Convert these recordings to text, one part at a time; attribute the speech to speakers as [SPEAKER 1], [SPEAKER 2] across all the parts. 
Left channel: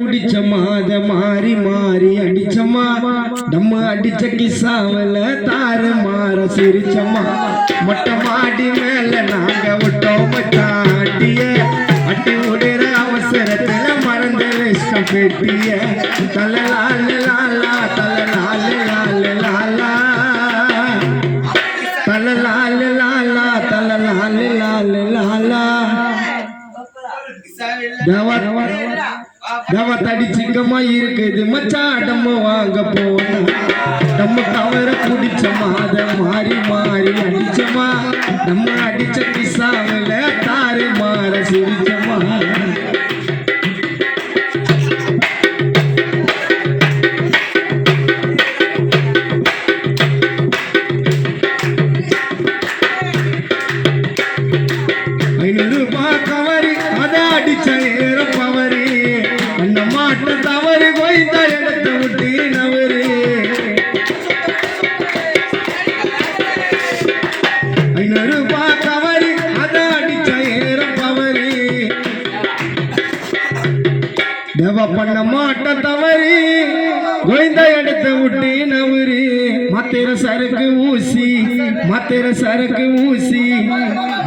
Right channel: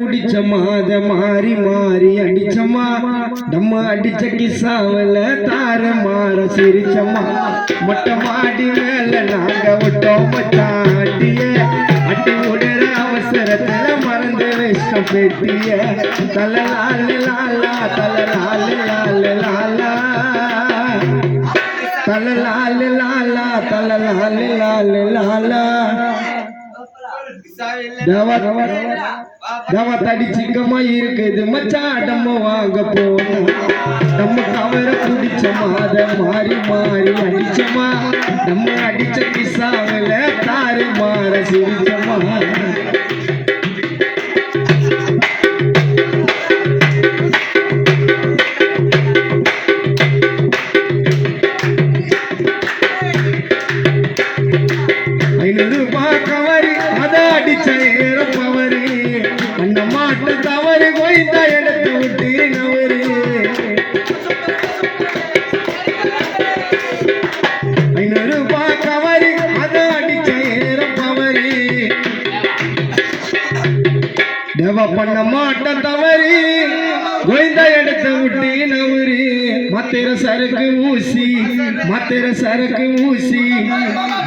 [SPEAKER 1] குடிச்ச மாத மாறி மாறி அடிச்சமா நம்ம அடிச்ச கிசாவல தார மாற சிரிச்சமா மொட்டை மாடி மேல நாங்க விட்டோம் மச்சான் அடிய அடி விடுற அவசரத்துல மறந்து வச்ச பெட்டிய. தலலால லாலா தலலால லால லாலா தலலால லாலா தலலால லால லாலா தேவா தடிச்சுக்கமா சிங்கமா இருக்குது. மச்சா நம்ம வாங்க போகணும் நம்ம தவற குடிச்ச மாத மாறி மாறி அடிச்சமா நம்ம அடிச்ச பிசாவில தாரி மாற சிரிச்சமா ஐநூறு ரூபாய் கவரி அத தேவ பண்ண மாட்ட தவறி கோய்ந்த எடுத்து விட்டு நவரி மத்திர சரக்கு ஊசி மத்திர சரக்கு ஊசி.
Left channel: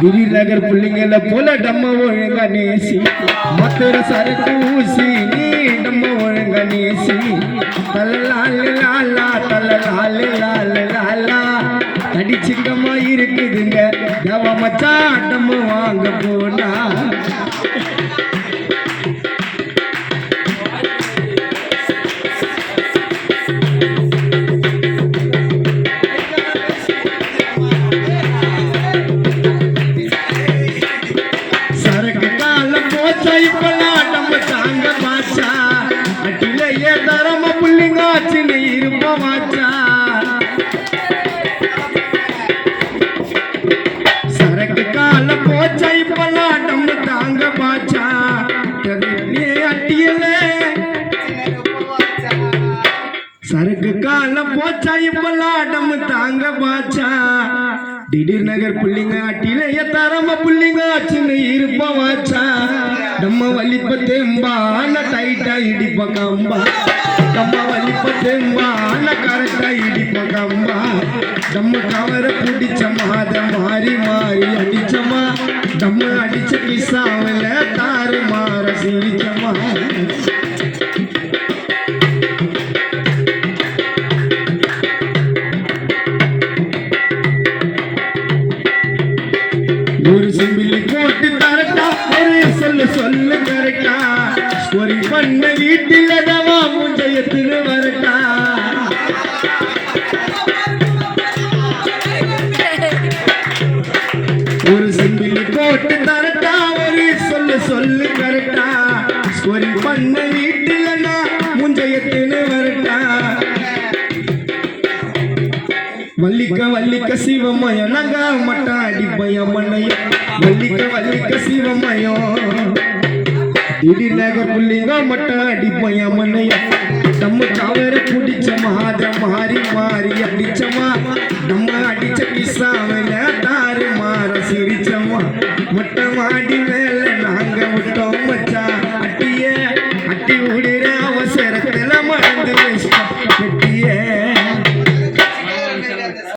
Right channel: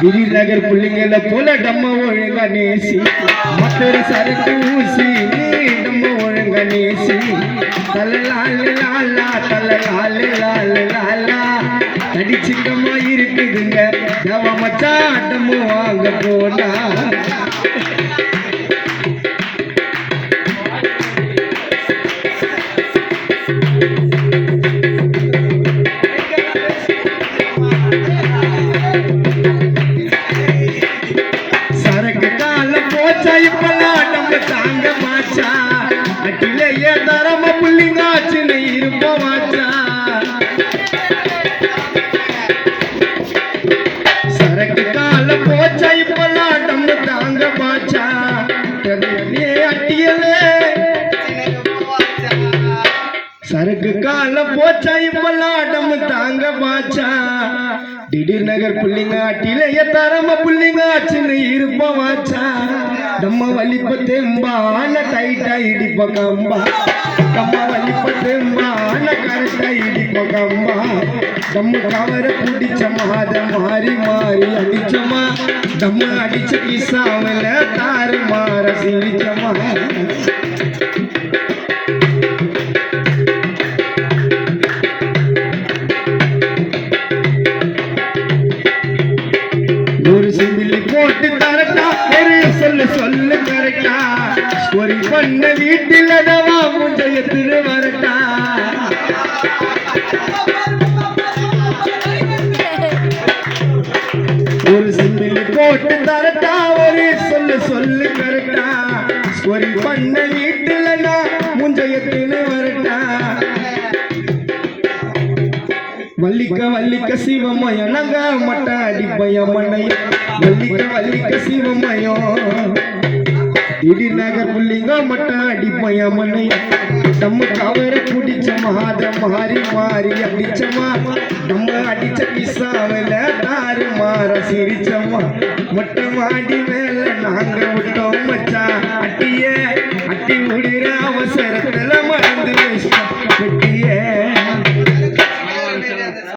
[SPEAKER 1] கிரி நகர் பிள்ளைங்கள போல டம்ம ஒழுங்க நேசி. மத்திர சரக்கு ஊசி நீ டம்ம ஒழுங்க நேசி. தலலால லாலா தலலால லால லாலா. தடி இருக்குதுங்க. சரக்கு கால போச்சா இப்பெல்லாம் நம்ம தாங்க பாச்சா. திடீர் நகர் புள்ளிங்க அட்டிலேயே தரம புள்ளிங்க சின்ன இருப்ப வாச்சா. நம்ம வலிப்ப தேம்பான டைட்டா இடிப்ப கம்பா. நம்ம வலிப்ப தேம்பான கரெக்டா இடிப்ப கம்பா. நம்ம கவர பிடிச்ச மாத மாறி மாறி அடிச்சமா. நம்ம அடிச்ச கிசாவில தாறு மாற சிரிச்சமா. ஒரு சிம்பிளி போட்டு தரட்டா ஒரு சொல்லு சொல்லு கரெக்டா ஒரு பண்ண வீட்டில் டவா முந்தையத்துல வரட்டா. ஒரு சிம்பிளி போட்டு தரட்டா ஒரு சொல்லு சொல்லு கரெக்டா ஒரு பண்ண வீட்டில் நான் முந்தையத்துல வள்ளிக்க வள்ளிக்க சிவமயம் நங்க மட்ட அடிப்பய மண்ணையா வள்ளிக்க வள்ளிக்க சிவமயம். இடிநக புள்ளிங்க மட்ட அடிப்பய மண்ணையா நம்ம தவற பிடிச்ச மாத மாறி மாறி அடிச்சமா நம்ம அடிச்ச பிசாவில தாறு மாற சிரிச்சமா மொட்டை மாடி மேல நாங்க விட்டோம் மச்சா அட்டிய அட்டி விடுறா